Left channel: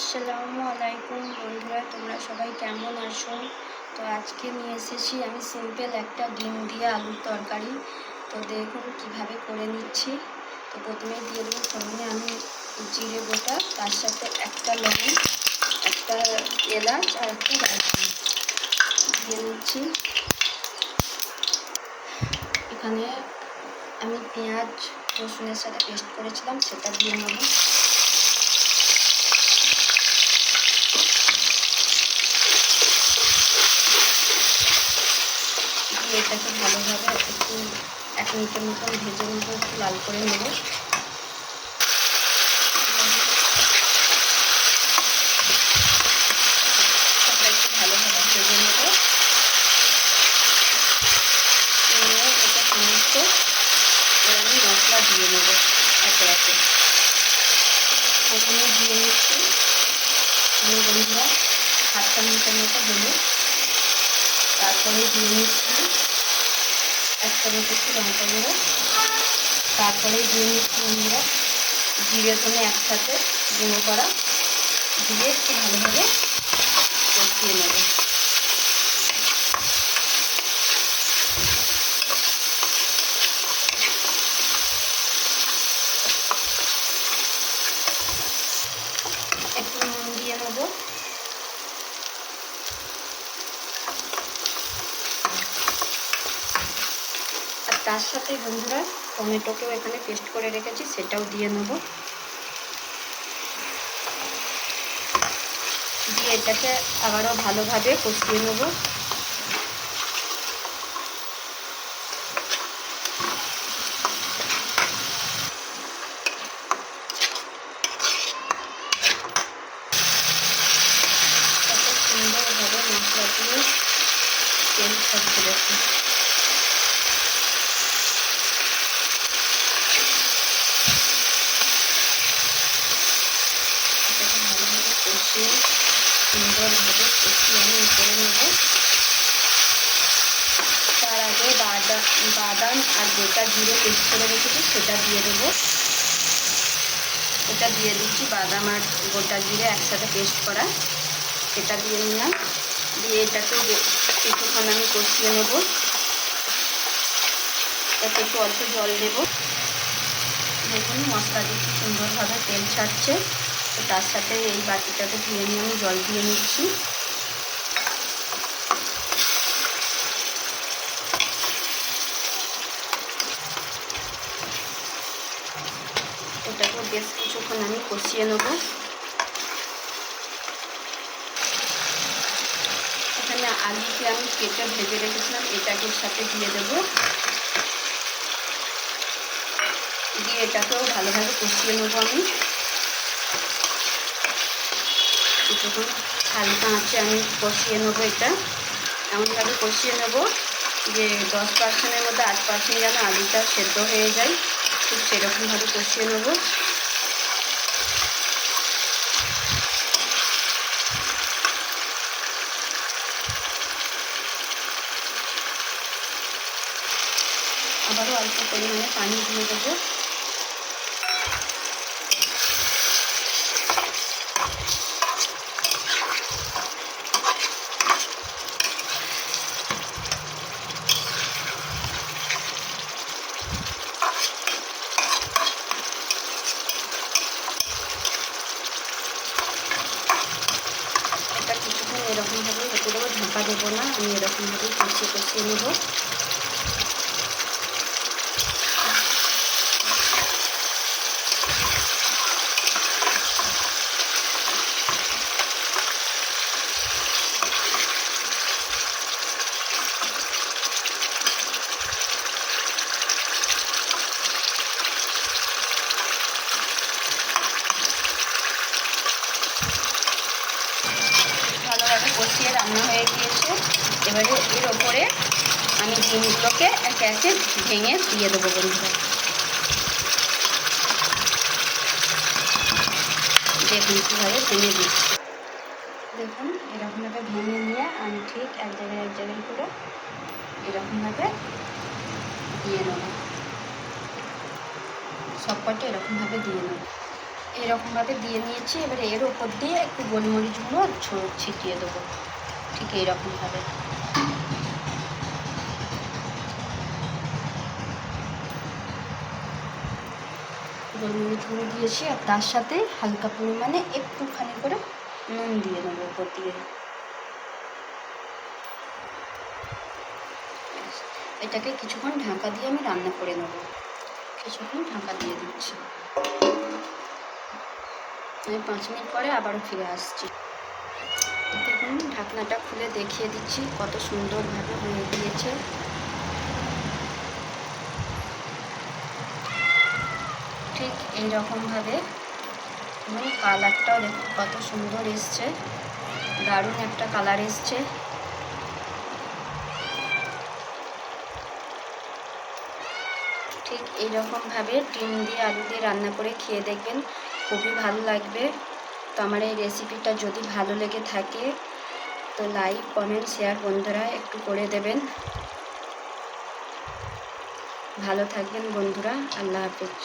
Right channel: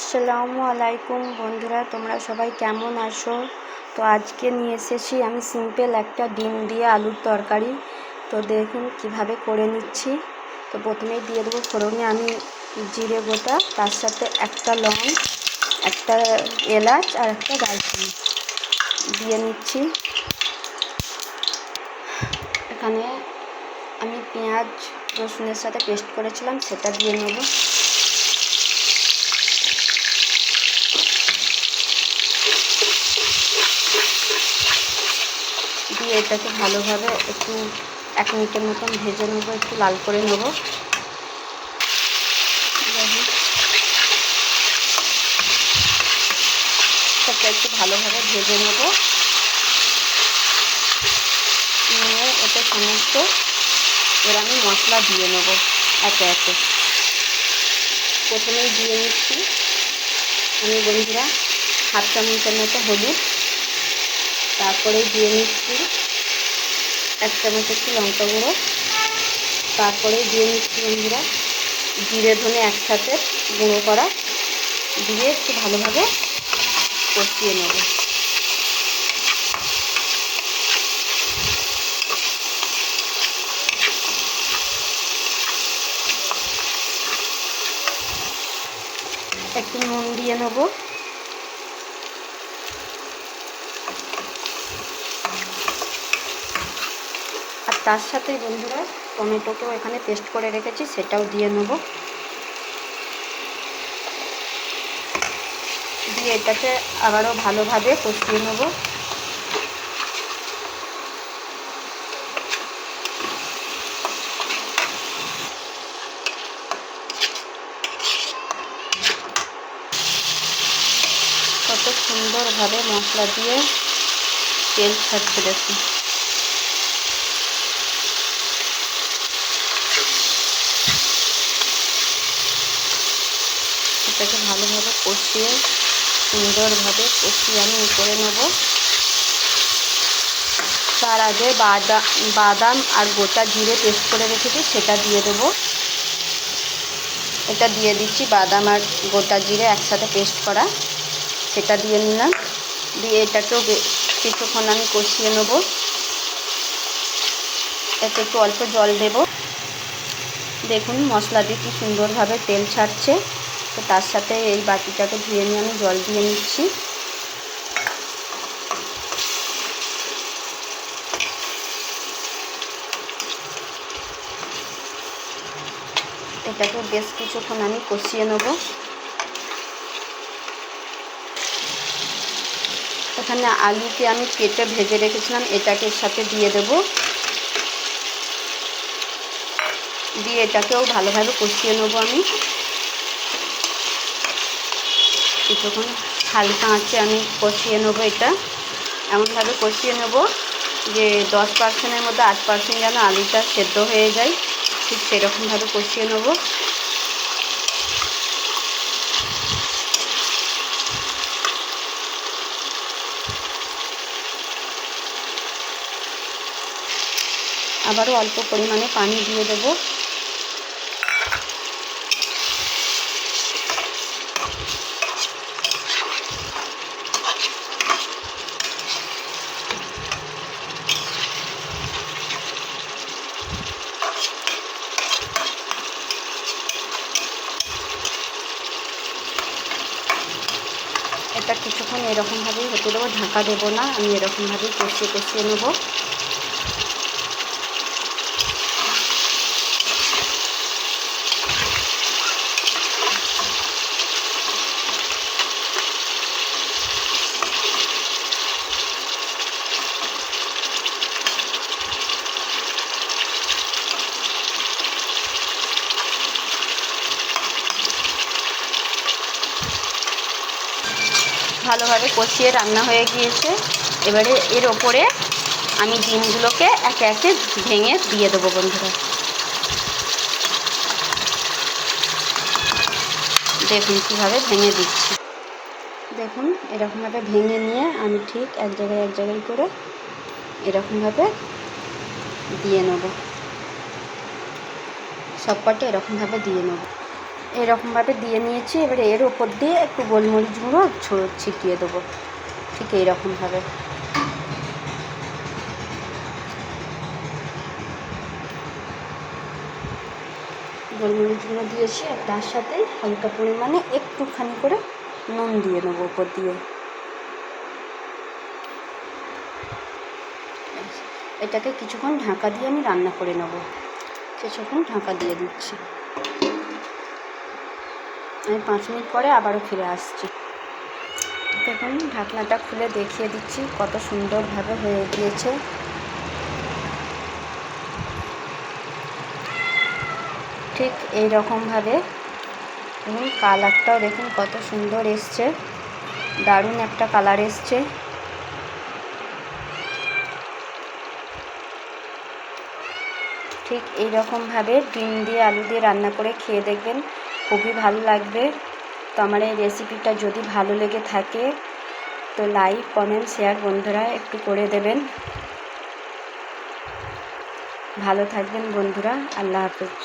আসসালামু আলাইকুম বন্ধুরা, তোমরা সবাই কেমন আছো? তো আজকে নিয়ে এসেছি আমি সিম্পল একটা ডিম দিয়ে আলুর তরকারি। তো দেখুন কিভাবে করে নিচ্ছি। তো প্রথমেই দিয়ে দেবো ফোড়নে আমি জিরে গোটা, তার সাথে একটা লং, একটা এলাচ আর একটা দারচিনি দিয়ে নিচ্ছি। এখানে আমি পেঁয়াজ রসুনের সাথে পেস্ট করেছিলাম, সেটা দিয়ে নেব। দিয়ে এটাকে ভালোভাবে একটু 1 মিনিটের মতন ভেজে নেব, একটু লাল করে নেব। সবটা একটু ভালোভাবে ভেজে নেব, নিয়ে এটা সমস্ত এর আমি মশলা দিয়ে নেব একে একে। প্রথমেই দিয়ে নিচ্ছি আমি বন্ধুরা 1/2 চামচের মতো হলুদ, তারপরে দিয়ে নিচ্ছি 1 চামচ একটু লঙ্কা গুঁড়ো, তারপরে দিয়ে নিচ্ছি বন্ধুরা জিরে ধনে একসাথে গুঁড়ো করা, দিয়ে একটু ভালোভাবে কষিয়ে নেব। একটু নুন দিয়ে নেব, আর তার সাথেই বন্ধুরা টমেটোকেও এখানে পেস্ট করে রেখেছি, সেটাও দিয়ে নেব। দিয়ে এটাকে আবারও ভালোভাবে কষিয়ে নেব। কত সুন্দরভাবে মশলা দিয়ে তেল ছাড়ছে দেখুন। এটাকে ভালোভাবে কষিয়ে সুন্দরভাবে কষিয়ে আমি করে নেব। তার আগে বাদাম আর গোটা জিরে পেস্ট করে রেখেছি, সেটা দিয়ে দেবো। এটা দিয়ে দিচ্ছি, বাদাম আর গোটা জিরে একসাথে পেস্ট করা, সেটা দিয়ে নিলাম। দিয়ে এটাকেও কিছুক্ষণ আমি কষিয়ে নেব। এতে একটু অল্প জল দেব। দেখুন মশলা দিয়ে কি সুন্দরভাবে তেল ছাড়ছে। তো তার সাথে এই বাটিটাকে ধুয়ে নিয়ে আমি জল দিয়ে নিচ্ছি। এটাকেও বেশ কিছুক্ষণ আমি কষিয়ে নেব। এখানে আলুকে আমি কেটে ভেজে রেখেছিলাম, এটাকে সাথে দিয়ে দেব। দিয়ে এটাকেও ভালোভাবে কষিয়ে নেব আমি কিছুক্ষণ। হালকা আঁচে আমি কষিয়ে নেব। এটা এমনভাবে কষিয়ে নেব যে 10%-এর মধ্যে 8% যেন আলুটা সেদ্ধ হয়ে যায়, ঠিক সেরকমভাবে কষিয়ে নেব। আবারও অল্প পরিমাণে পানি দিয়ে দেব। এটা কিছুক্ষণ এরকমভাবেই হতে দেবো, ঢাকা দেবো না, আমি এরকমভাবেই কষিয়ে নেব। ভালোভাবে কষিয়ে রান্না হয়ে গিয়েছে। এবারে এর ওপরে আমি ডিমগুলোকে একে একে ভেঙে দিয়ে দেবো বন্ধুরা। দেখুন কীভাবে ভেঙে দিচ্ছি। দেখুন এরকমভাবে ভেঙে নিয়ে আমি ঠিক এক জায়গায় করে এরকমভাবে দিয়ে নেব। সবকটা এরকমভাবে দিয়ে নেব। এরকমভাবে দিয়ে নিয়েছি। এবারে এর ওপর দিয়ে একটু গোলমরিচ গুঁড়ো ছিটিয়ে দেবো, ঠিক এইরকমভাবে। গোলমরিচ গুঁড়ো দিয়েছি, আর তার সাথে হালকা পরিমাণে একটুখানি করে নুন দিয়ে নেবো ওপর দিয়ে। এটাকে কিছুক্ষণ ঢাকা দিয়ে আমি রান্না করে নেব। কিছুক্ষণ ঢাকা দিয়ে দিচ্ছি। আমি 5 মিনিট পরে আবারও ফিরে আসছি। দেখুন ঢাকনাটা খুলে দেখিয়ে দিচ্ছি কত সুন্দরভাবে হয়ে গিয়েছে। ঠিক এই রকমভাবে, এবং কালারটাও দেখুন কত সুন্দর এসছে, দারুণ একটা কালার এসছে। ঠিক এই রকমভাবে ডিম দিয়ে আলু দিয়ে রান্না করে খেয়ে দেখবেন, খুবই ভালো লাগবে। তো আমার এই রেসিপিটা যদি ভালো লেগে থাকে তো লাইক কমেন্ট শেয়ার বন্ধুরা একটু করে দেবেন। ভালো থাকবেন বন্ধুরা, আল্লাহ হাফেজ।